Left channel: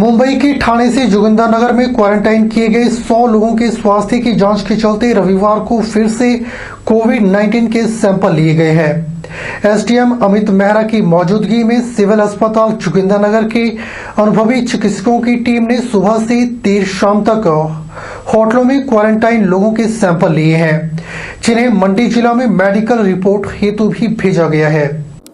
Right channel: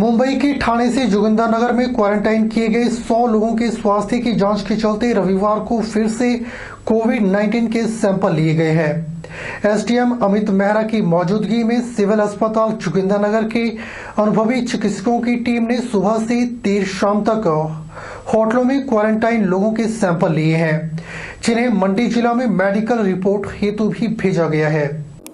मुंबई के ठाणे से जोगिंदरनगर में क्वारंटाइन किए गए 100 लोगों के स्वास्थ्य की जांच के चलते रविवार को फिर से कोविड-19 के सैंपल लिए गए हैं। एसडीएम अमित मेहरा की मौजूदगी में सिविल अस्पताल जोगिंदरनगर के अनुभवी चिकित्सकों की टीम ने सुबह से देर शाम तक होटलों में क्वारंटाइन लोगों के सैंपल लिए हैं, जिन्हें मंडी जिला में मेडिकल रिपोर्ट हेतु भी भेजा गया है।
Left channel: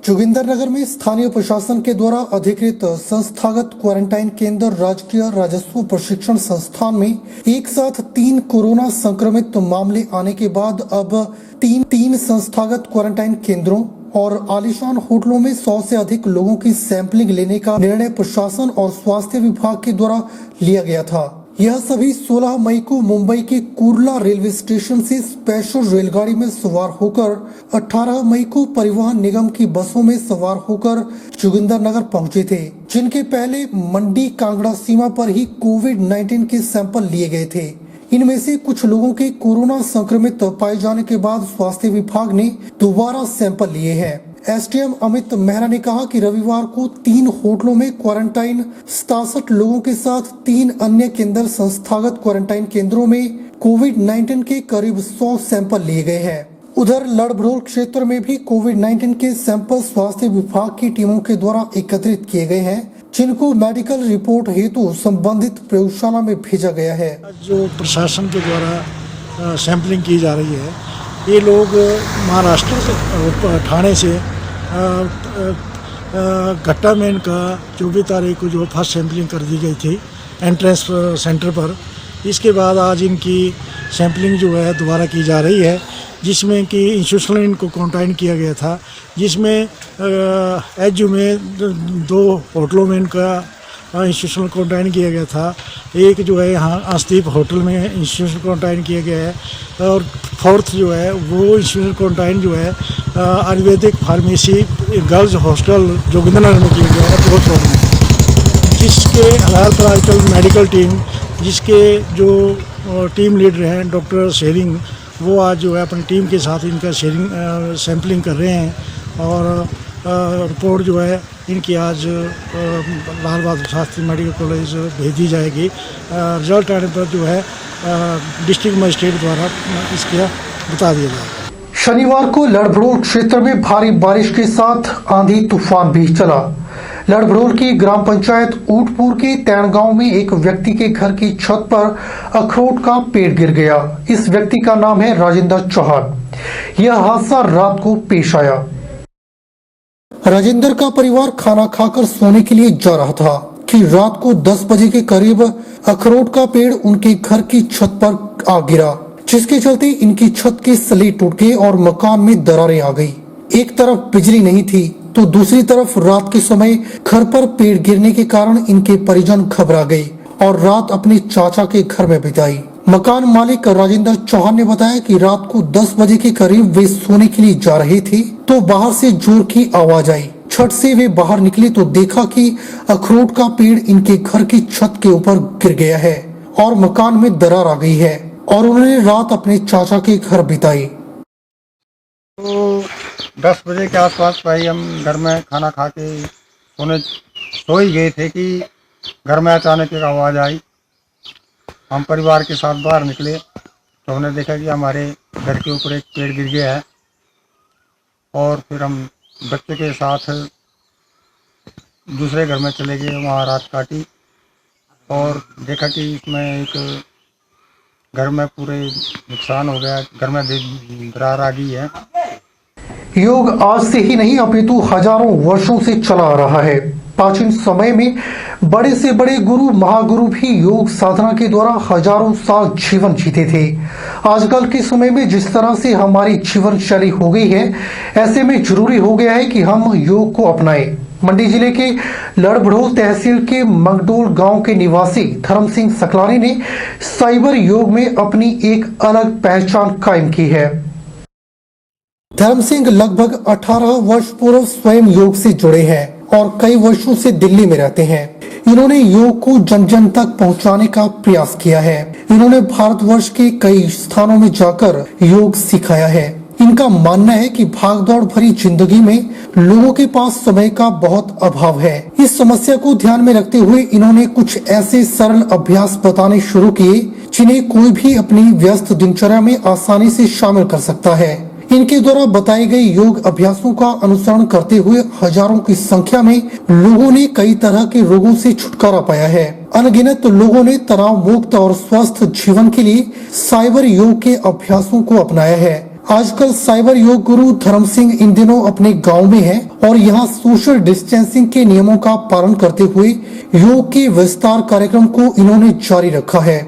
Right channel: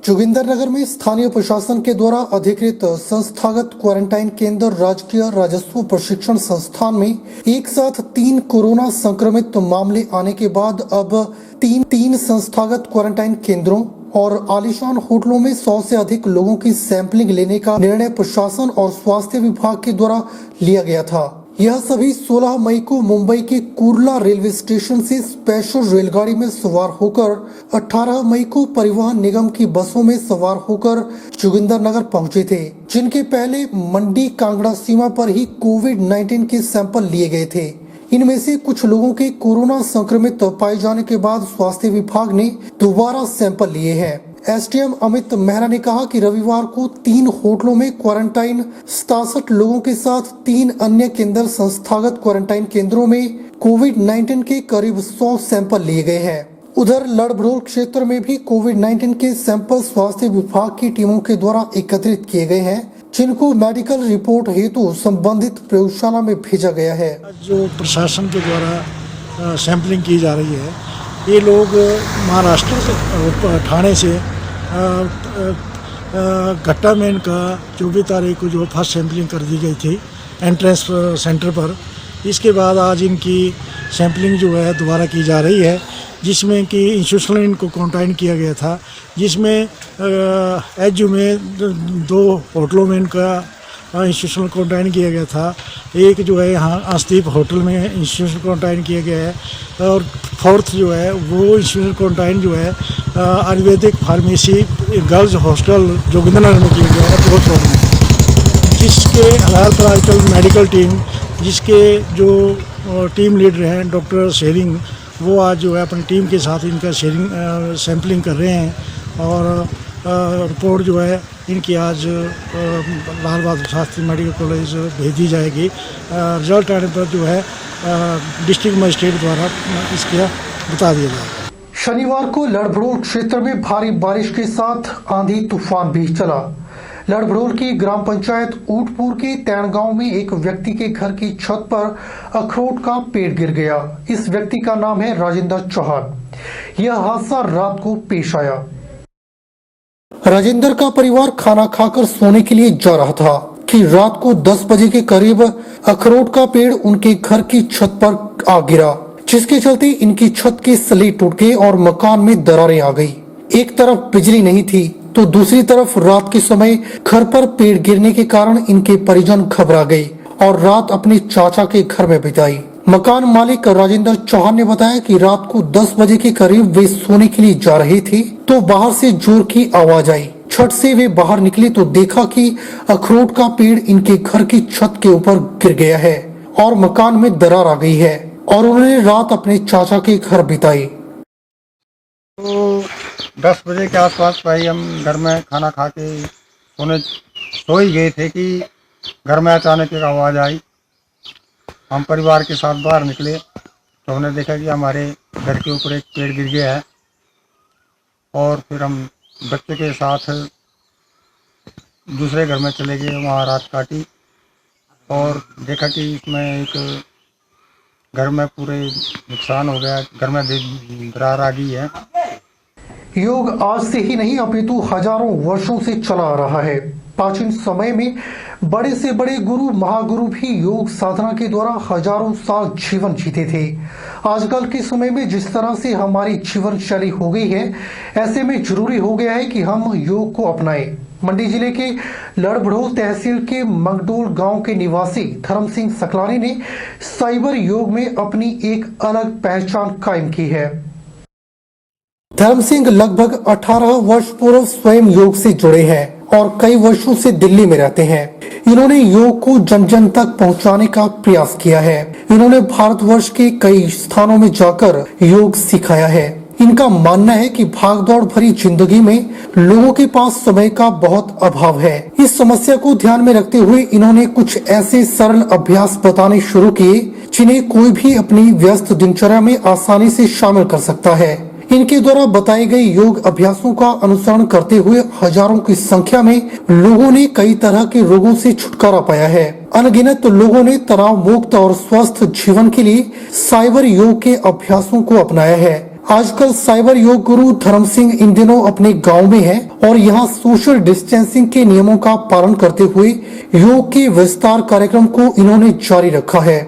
जोगिंदरनगर में स्थानीय प्रशासन के द्वारा अधिकृत संस्थागत क्वारंटाइन केंद्र राजकीय राजस्व प्रशिक्षण संस्थान में एक साथ 3 कोरोना संक्रमित मामले आने के बाद अब तीन संस्थागत क्वारंटाइन केंद्रों और आलीशान होटलों में 100 से अधिक लोगों की सैंपलिंग लेने का निर्णय प्रशासन और स्वास्थ्य विभाग के द्वारा लिया गया था। यह सभी 16 मई को मुंबई के कुर्ला रेलवे स्टेशन से स्पेशल रेलगाड़ी में सवार होकर 18 मई को परिवहन निगम की बसों में सवार होकर जोगिंदरनगर पहुंचे थे, जिनके पहले मंडी कांगड़ा सीमा पर ही कोविड-19 के सैंपल लिए गए थे। इनमें से कुछ लोगों के कोरोना संक्रमित पाए जाने के बाद स्वास्थ्य विभाग ने दोबारा सैंपल लिए हैं। एसडीएम अमित मेहरा ने कहा कि रविवार को 3 होटलों में क्वारंटाइन 67 लोगों के साथ 3 अन्य केंद्र संस्थागत क्वारंटाइन केंद्रों में कोविड-19 के करीब 100 सैंपल लिए गए हैं। उधर लड़भड़ोल क्षेत्र में भी कोविड-19 के सैंपल स्वास्थ्य विभाग की टीमों के द्वारा एकत्रित किए गए हैं, जिनको मेडिकल रिपोर्ट हेतु संबंधित प्रयोगशाला में भेजा गया है। जो प्रशासन के द्वारा सैंपलिंग की जा रही है, ये लोग महाराष्ट्र से ठाणे से घट्टा मेन का 24 तारीख को जो फर्स्ट सैंपलिंग कर दी गई थी एंट्रेंस सेंटर पर। इसके बाद आज इनकी सैंपलिंग जो है दोबारा की जा रही है, जिसमें कि इंस्टीट्यूशनल इनको क्वारंटाइन किया गया था, जिसमें एचयू में 2 होटलों में इनका इंस्टीट्यूशनल क्वारंटाइन किया गया था। एक जो है यहाँ आस्तीप होटल में इंस्टीट्यूशनल क्वारंटाइन किया गया है, और 4th जो है वो इंस्टीट्यूशनल क्वारंटाइन जो है Ayurvedic pharmacy girls hostel Jogindernagar में किया गया है, बहुत रोड में। जिसके हेल्थ आजकल मेडिकल टीम, जिसके जो टीम लीडर हैं डॉक्टर शेरिंग, वो आज जो है अपनी टीम के साथ इनका सैंपलिंग कर रहे हैं, और रिपोर्ट जो है इनकी आज लाल बहादुर शास्त्री मेडिकल कॉलेज भेज दी जाएगी। रिजल्ट आने पर जो है डिस्ट्रिक्ट मजिस्ट्रेट द्वारा इसका बता दिया जाएगा। शनिवार को लड़भड़ोल क्षेत्र में भारी बारिश के साथ आंधी तूफान भी चला। लड़भड़ोल की ग्राम पंचायत ऊटपुर के तैण गांव में एक व्यक्ति के घर की छत पर अखरोट का पेड़ गिर गया। इस व्यक्ति का नाम है राजेंद्र चौहान। यह हादसा रात को पेश आया। राजेंद्र का परिवार खाना खाकर सोने के लिए जा रहा था कि रात को 10 बजे के करीब अखरोट का पेड़ उनके घर की छत पर आ गिरा, जिसके चलते इनकी छत के सली टूट गए और मकान में दरारें आ गई। एक तरफ बिजली नहीं थी तो दूसरी तरफ रात के समय घर पर पेड़ गिरने के कारण इनके परिजन घबरा गए और रात अपने चाचा के घर में बिताई। मकान मालिक राजेंद्र चौहान ने बताया कि रात को 10 बजे के करीब वे सोने के लिए जा रहे थे तो बाहर से जोर की आवाज आई। छत से वे बाहर निकले तो देखा कि अखरोट का पेड़ इनके घर की छत के ऊपर गिर गया है और मकान में दरार आ गई है, और उन्होंने रात अपने चाचा के घर बिताई। तो 10 बजे के आसपास भाई हम घर में खाना खा के सो ही गए थे कि घर में अचानक एक आवाज़ आई। हम परिवार के साथ बाहर निकले तो हमने देखा कि हमारे घर के ऊपर एक पेड़ गिर गया है, और फिर हम बच्चे के साथ दूसरे घर में चले गए, वहाँ रात काटी और देखा कि इसमें एक घर में पूरे नुकसान हो गया, घर में दरार आ गई है। योग आज से ही नहीं अपितु हजारों वर्षों से चला आ रहा है। प्राचीन समय में बड़े से बड़े गुरु महागुरु भी योग साधना के द्वारा हजारों साल जीवन जीते थे। आजकल के समय में जिस तरह से हमारी जीवन शैली हो गई है, ऐसे में जरूरी हो गया है कि हम योग को अपनाएं। मंडी जिले के लड़भड़ोल तहसील के मंगडोल गांव के निवासी धर्म सिंह सकलानी ने साइबर योग में अपनी एक अलग पहचान कायम की है। धर्म सिंह लगभग 18 वर्ष पूर्व स्वयं योग से जुड़े हैं और कई वर्षों से दिल्ली में रहते हैं। इन्होंने योग को जन जन तक पहुंचाने का प्रयास किया है। इन्होंने भारतवर्ष के कई स्थानों में जाकर योग सिखाया है। इनका मानना है कि भागदौड़ भरी जिंदगी में लोगों के पास समय का बहुत अभाव है। इस समस्या को ध्यान में रखते हुए इन्होंने कुछ ऐसे सरल अभ्यास बताने शुरू किए जिन्हें कोई भी अपनी व्यस्त दिनचर्या में आसानी से शामिल कर सकता है। इनके द्वारा बताए गए योग अभ्यासों का अनुसरण करते हुए हजारों की संख्या में लोगों ने कई तरह के रोगों से छुटकारा पाया है। अनगिनत लोगों ने तनाव मुक्त और स्वस्थ जीवन के लिए साइबर योग के अभ्यासों को अपनाया है। आजकल साइबर योग गुरु धर्म सिंह इन दिनों अपने गांव में है और यहां सोशल डिस्टेंसिंग के नियमों का पालन करते हुए योग के विस्तार कार्यक्रम को इन्होंने जारी रखा है।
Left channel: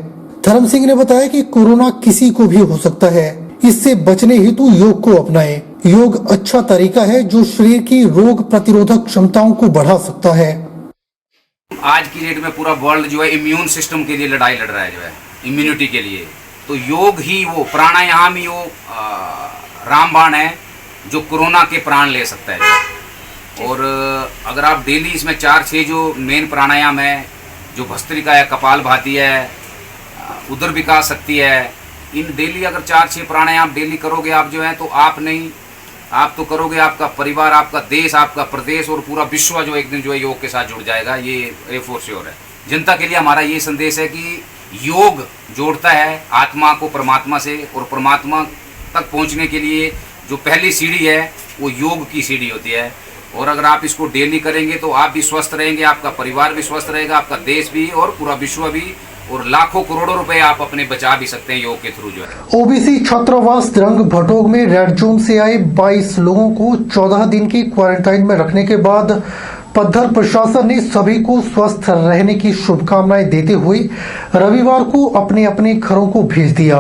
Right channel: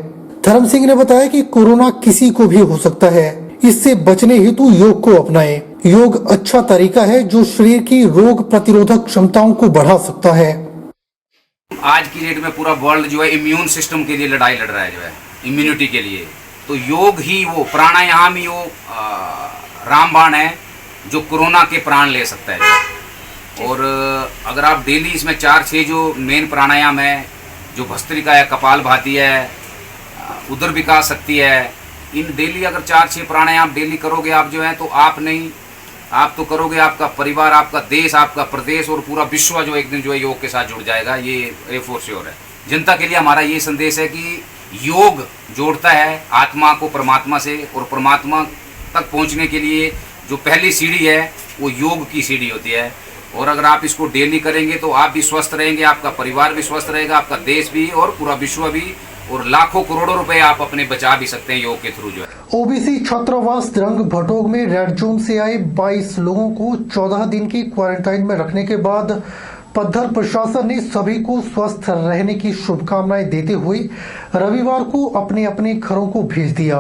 धर्म सिंह ने बताया कि कोरोना किसी को भी हो सकता है, इससे बचने हेतु योग को अपनाएं। योग अच्छा तरीका है जो शरीर की रोग प्रतिरोधक क्षमताओं को बढ़ा सकता है। आज की डेट में पूरा वर्ल्ड जो है इम्यून सिस्टम के लिए लड़ाई लड़ रहा है, जो है इम्यूनिटी के लिए। तो योग ही वो प्राणायाम ही वो रामबाण है जो कोरोना के प्राण ले सकता है। और अगर आप डेली इसमें 4-6 जो मेन प्राणायाम है, जो भस्त्रिका है, कपालभाति है, उदर विकास शक्ति है, इन डेली अगर 4-6 प्राणायाम डेली करोगे आप जो है, तो आप नहीं, आप तो करोगे, आपका परिवार, आपका देश, आपका प्रदेश और पूरा विश्व जो एक दिन जो है योग के साथ जुड़ जाएगा। ये फॉर श्योर है। जनता के लिए हमारा ये संदेश है कि योग जोड़ता है आत्मा को परमात्मा से, और परमात्मा तक पहुंचने के लिए जो पहली सीढ़ी है वो योग की सीढ़ी होती है। और अगर आप इसको डेली करेंगे तो आप भी स्वस्थ रहेंगे, आपका परिवार भी स्वस्थ रहेगा, आपका देश भी और पूरा विश्व भी, और लाखों करोड़ों रुपए आप अपने बचा भी सकते हैं योग के थ्रू जो है। ओबीसी छात्रावास द्रंग भटोग में रेड जोन से आए 22 लोगों को 14 दिन की क्वारंटाइन में रखने के बाद पद्धर प्रशासन ने सभी को स्वस्थ रहने की शुभकामनाएं देते हुए रविवार को अपने अपने घरों को भेज दिया।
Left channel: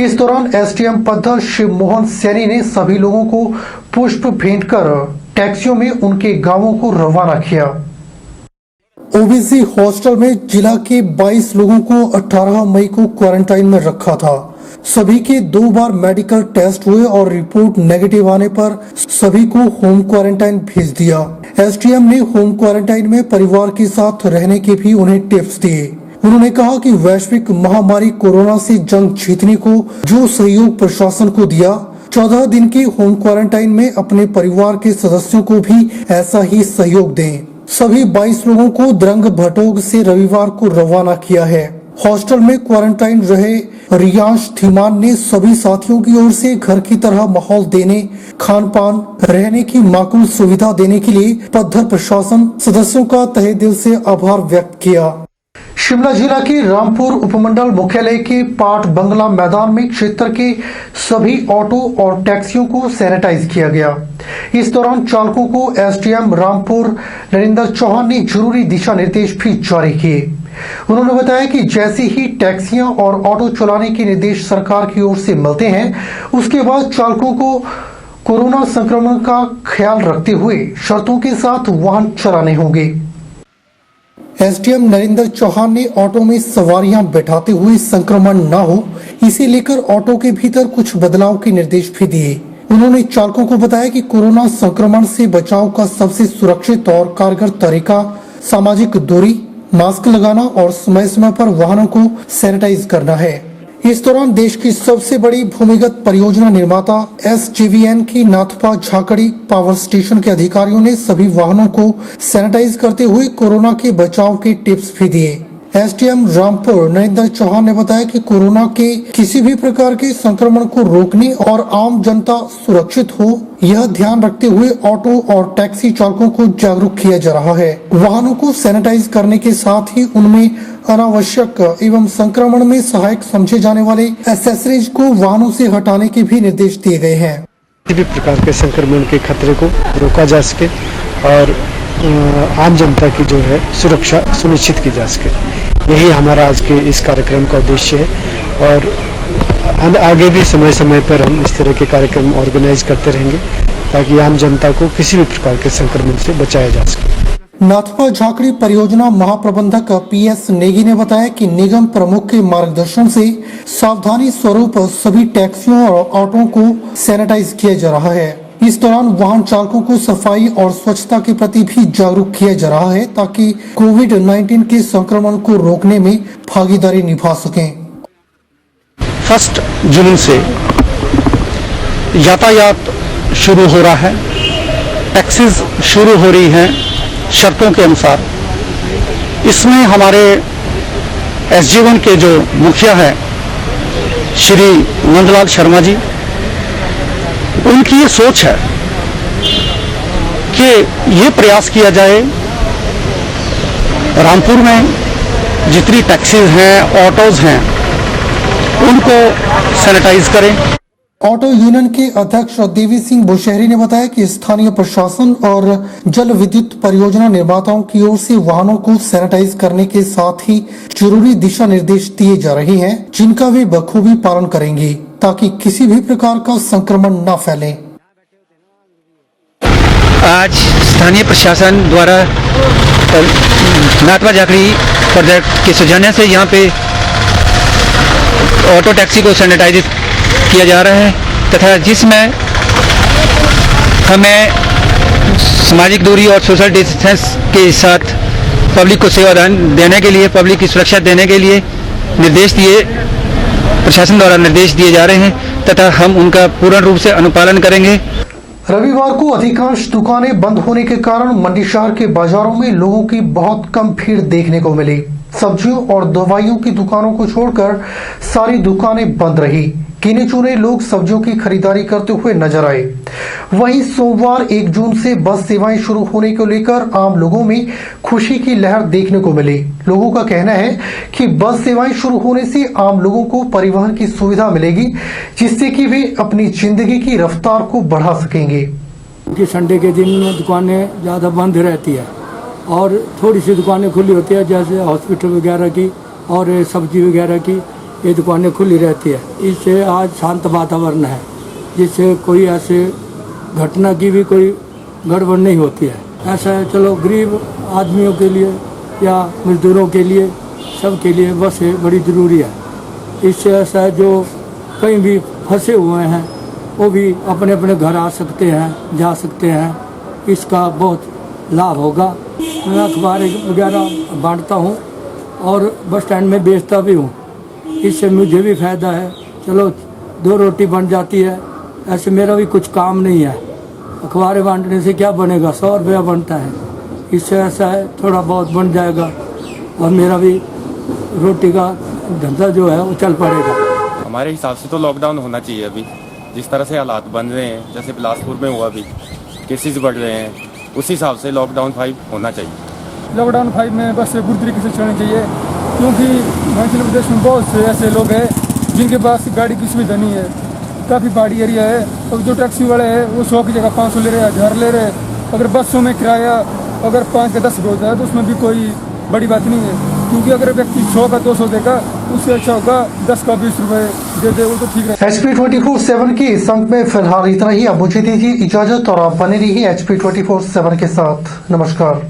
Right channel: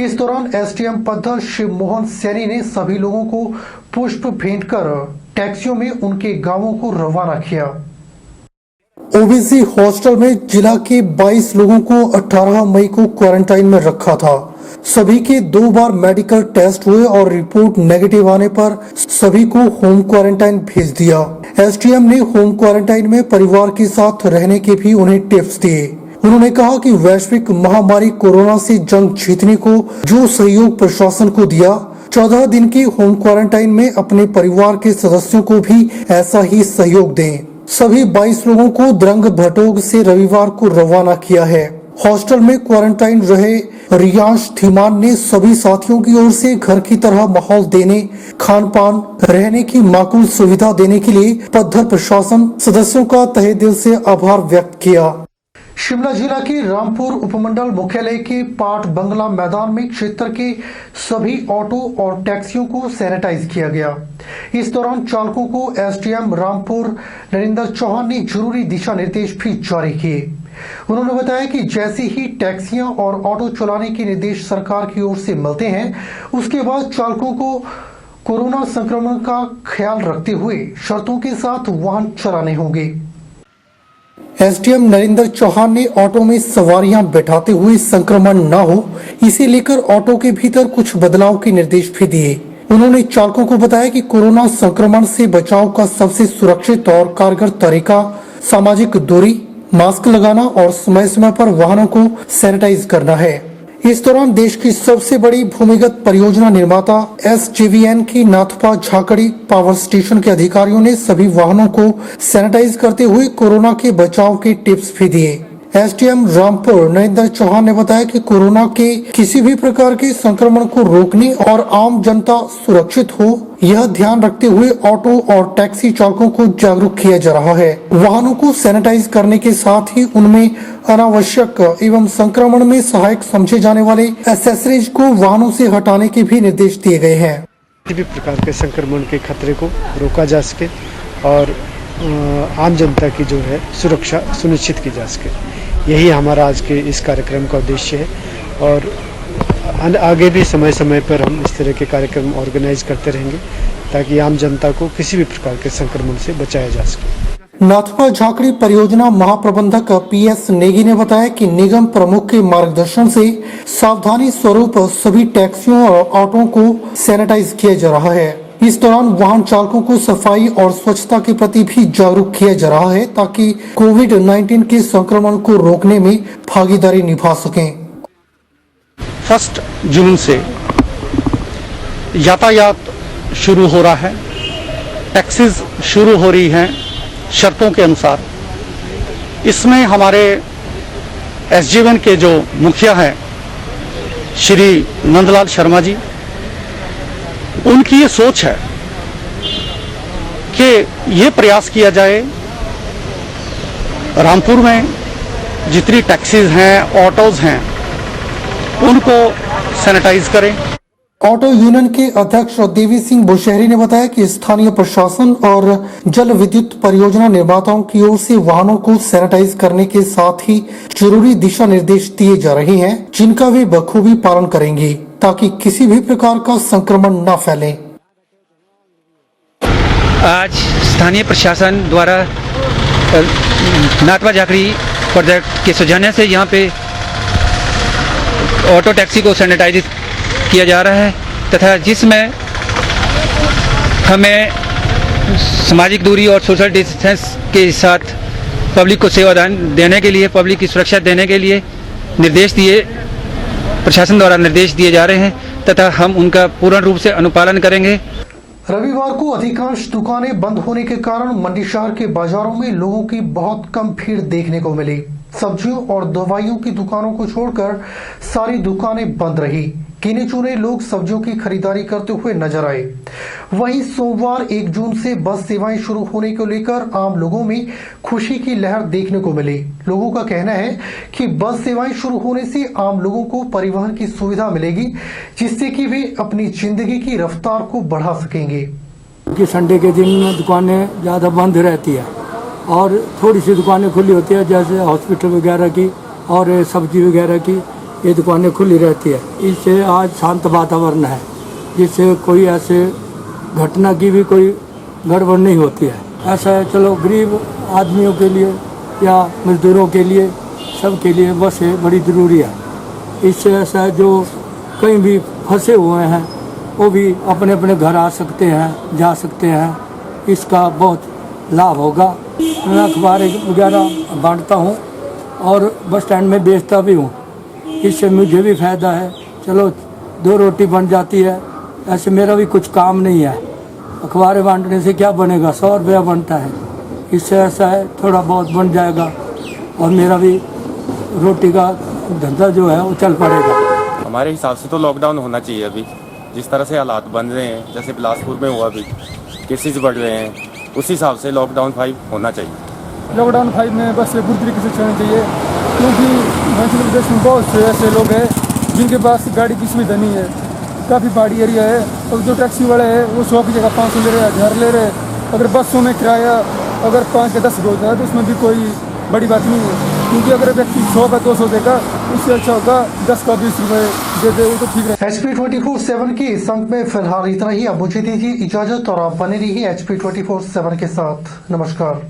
इस दौरान एसडीएम पद्धर शिव मोहन सैनी ने सभी लोगों को पुष्प भेंट कर टैक्सियों में उनके गांवों को रवाना किया। ओबीसी हॉस्टल में जिला के 22 लोगों को 18 मई को क्वारंटाइन में रखा था। सभी के 2 बार मेडिकल टेस्ट हुए और रिपोर्ट नेगेटिव आने पर सभी को होम क्वारंटाइन भेज दिया। एसडीएम ने होम क्वारंटाइन में परिवार के साथ रहने के भी उन्हें टिप्स दिए। उन्होंने कहा कि वैश्विक महामारी कोरोना से जंग जीतने को जो सहयोग प्रशासन को दिया, 14 दिन की होम क्वारंटाइन में अपने परिवार के सदस्यों को भी ऐसा ही सहयोग दें। सभी 22 लोगों को द्रंग भटोग से रविवार को रवाना किया है। हॉस्टल में क्वारंटाइन रहे रियांश धीमान ने सभी साथियों की ओर से घर की तरह माहौल देने, खान पान, रहने की माकूल सुविधा देने के लिए पद्धर प्रशासन सदस्यों का तहे दिल से आभार व्यक्त किया। शिमला जिला के रामपुर उपमंडल मुख्यालय के पाठ बंगला मैदान में क्षेत्र के सभी ऑटो और टैक्सियों को सैनिटाइज किया गया। इस दौरान चालकों को एसडीएम रामपुर नरेंद्र चौहान ने जरूरी दिशा निर्देश भी जारी किए। उन्होंने बताया कि जैसे ही टैक्सियां और ऑटो चलाने के निर्देश सरकार की ओर से मिलते हैं, उसके बाद चालकों को कोरोना संक्रमण का ख्याल रखते हुए शर्तों के साथ वाहन चलाने होंगे। एसडीएम नरेंद्र चौहान ने ऑटो में सवारियां बैठाते हुए संक्रमण न हो, इसे लेकर ऑटो के भीतर कुछ बदलाव के निर्देश भी दिए। उन्होंने चालकों को बताया कि कोरोना संक्रमण से बचाव का सबसे सुरक्षित और कारगर तरीका सामाजिक दूरी, मास्क लगाना और समय समय पर वाहनों को सैनिटाइज करना है। इस दौरान देश की सबसे बड़ी भूमिगत परियोजना निर्माता एसजेवीएन की नाथपा झाकड़ी पावर स्टेशन के अधिकारियों ने सभी वाहनों को सैनिटाइज करते हुए कोरोना के बचाव के टिप्स भी दिए। एसडीएम रामपुर नरेंद्र चौहान ने बताया कि कोरोना के किसी भी प्रकार के संक्रमण को रोकने और आम जनता सुरक्षित हो, यह ध्यान रखते हुए ऑटो और टैक्सी चालकों को जागरूक किया जा रहा है। वाहनों को सैनिटाइज करने के साथ ही उनमें अनावश्यक एवं संक्रमण में सहायक समझे जाने वाले एक्सेसरीज को वाहनों से हटाने के भी निर्देश दिए गए हैं। किसी भी प्रकार के संक्रमण के खतरे को रोका जा सके और आम जनता की जो है सुरक्षा सुनिश्चित की जा सके, यही हमारा आज के इस कार्यक्रम का उद्देश्य है। और हम आगे भी समय समय पर हम इस तरह के कार्यक्रम ऑर्गेनाइज करते रहेंगे ताकि आम जनता को किसी भी प्रकार के संक्रमण से बचाया जा सके। नाथपा झाकड़ी परियोजना महाप्रबंधक पीएस नेगी ने बताया कि निगम प्रमुख के मार्गदर्शन से सावधानी स्वरूप सभी टैक्सियों और ऑटो को सैनिटाइज किया जा रहा है। इस दौरान वाहन चालकों को सफाई और स्वच्छता के प्रति भी जागरूक किया जा रहा है ताकि कोविड-19 के संक्रमण को रोकने में भागीदारी निभा सकें। 1 जुलाई से यातायात शुरू हो रहा है, टैक्सीज शुरू हो रही है शर्तों के अनुसार। इसमें हमारे SG1 के जो मुखिया है श्री नंदलाल शर्मा जी, उनकी ये सोच है कि ये प्रयास किया जाए रामपुर में जितनी टैक्सी हैं, ऑटोज हैं, उनको सैनिटाइज करें। ऑटो यूनियन के अध्यक्ष देवी सिंह बुशहरी ने बताया कि स्थानीय प्रशासन और जल विद्युत परियोजना निर्माताओं की ओर से वाहनों को सैनिटाइज करने के साथ ही जरूरी दिशा निर्देश दिए जा रहे हैं, जिनका वे बखूबी पालन करेंगे ताकि किसी भी प्रकार का संक्रमण न फैले। आज स्थानीय प्रशासन द्वारा महात्मा जाखड़ी के सुझाने से यहाँ पे ऑटो टैक्सी को सैनिटाइज किया जा रहा है, तथा जिसमें हमें सामाजिक दूरी और सोशल डिस्टेंस के साथ पब्लिक को सेवा देने के लिए, पब्लिक की सुरक्षा देने के लिए प्रशासन द्वारा निर्देश दिए जा रहे हैं, तथा हम उनका पूर्ण रूप से अनुपालन करेंगे। रविवार को अधिकांश दुकानें बंद होने के कारण मंडी शहर के बाजारों में लोगों की बहुत कम भीड़ देखने को मिली। सब्जियों और दवाइयों की दुकानों को छोड़कर सारी दुकानें बंद रही। गिने चुने लोग सब्जियों की खरीदारी करते हुए नजर आए। वहीं सोमवार 1 जून से बस सेवाएं शुरू होने को लेकर आम लोगों में खुशी की लहर देखने को मिली। लोगों का कहना है कि बस सेवाएं शुरू होने से आम लोगों को परिवहन की सुविधा मिलेगी, जिससे कि वे अपनी जिंदगी की रफ्तार को बढ़ा सकेंगे। कि संडे के दिन दुकानें ज़्यादा बंद रहती है और थोड़ी सी दुकानें खुली होती है, जैसे हॉस्पिटल वगैरह की और सब्जी वगैरह की, ये दुकानें खुली रहती है। इससे आज शांत वातावरण है, जिससे कोई ऐसे घटना की भी कोई गड़बड़ नहीं होती है। ऐसा है, चलो गरीब आदमियों के लिए या मजदूरों के लिए, सबके लिए बसें बड़ी ज़रूरी है। इससे ऐसा है, जो कहीं भी फंसे हुए हैं वो भी अपने अपने घर आ सकते हैं, जा सकते हैं। इसका बहुत लाभ होगा। मैं अखबार वगैरह बांटता हूँ और बस स्टैंड में बेचता भी हूँ। इससे मुझे भी फ़ायदा है, चलो 2 रोटी बन जाती है। ऐसे मेरा भी कुछ काम नहीं है, अखबारें बांटने से क्या बनेगा, 100 रुपया बनता है। इससे ऐसा है, थोड़ा बहुत बन जाएगा और मेरा भी रोटी का धंधा जो है वो चल पड़ेगा। हमारे हिसाब से तो लॉकडाउन होना चाहिए। अभी जिस तरह से हालात बन रहे हैं, जैसे बिलासपुर में हुआ, अभी केसेस बढ़ रहे हैं, उस हिसाब से लॉकडाउन 5 होना चाहिए। लॉकडाउन 5 में बस पूरी तरीके से चलनी चाहिए, क्योंकि हिमाचल प्रदेश में बहुत से ऐसे लोग हैं जिनके पास गाड़ी की सुविधा नहीं है। काफ़ी पहाड़ी एरिया है, और जो टैक्सी वाले हैं वो 100 की जगह 500 ले रहे हैं, 1000 ले रहे हैं। अगर बसों में किराया अगर 5 या 10 होता है तो उसमें भी कोई बड़ी बात नहीं है, क्योंकि अगर व्यक्ति 100 का 200 देगा, उससे अच्छा होगा 10 का 20 रुपये दे दे, वो तो ठीक है। HP24/7 के इस अंक में फिलहाल इतना ही। अब मुझे दीजिए इजाजत और आप बने रहिए HP24/7 के साथ। नमस्कार।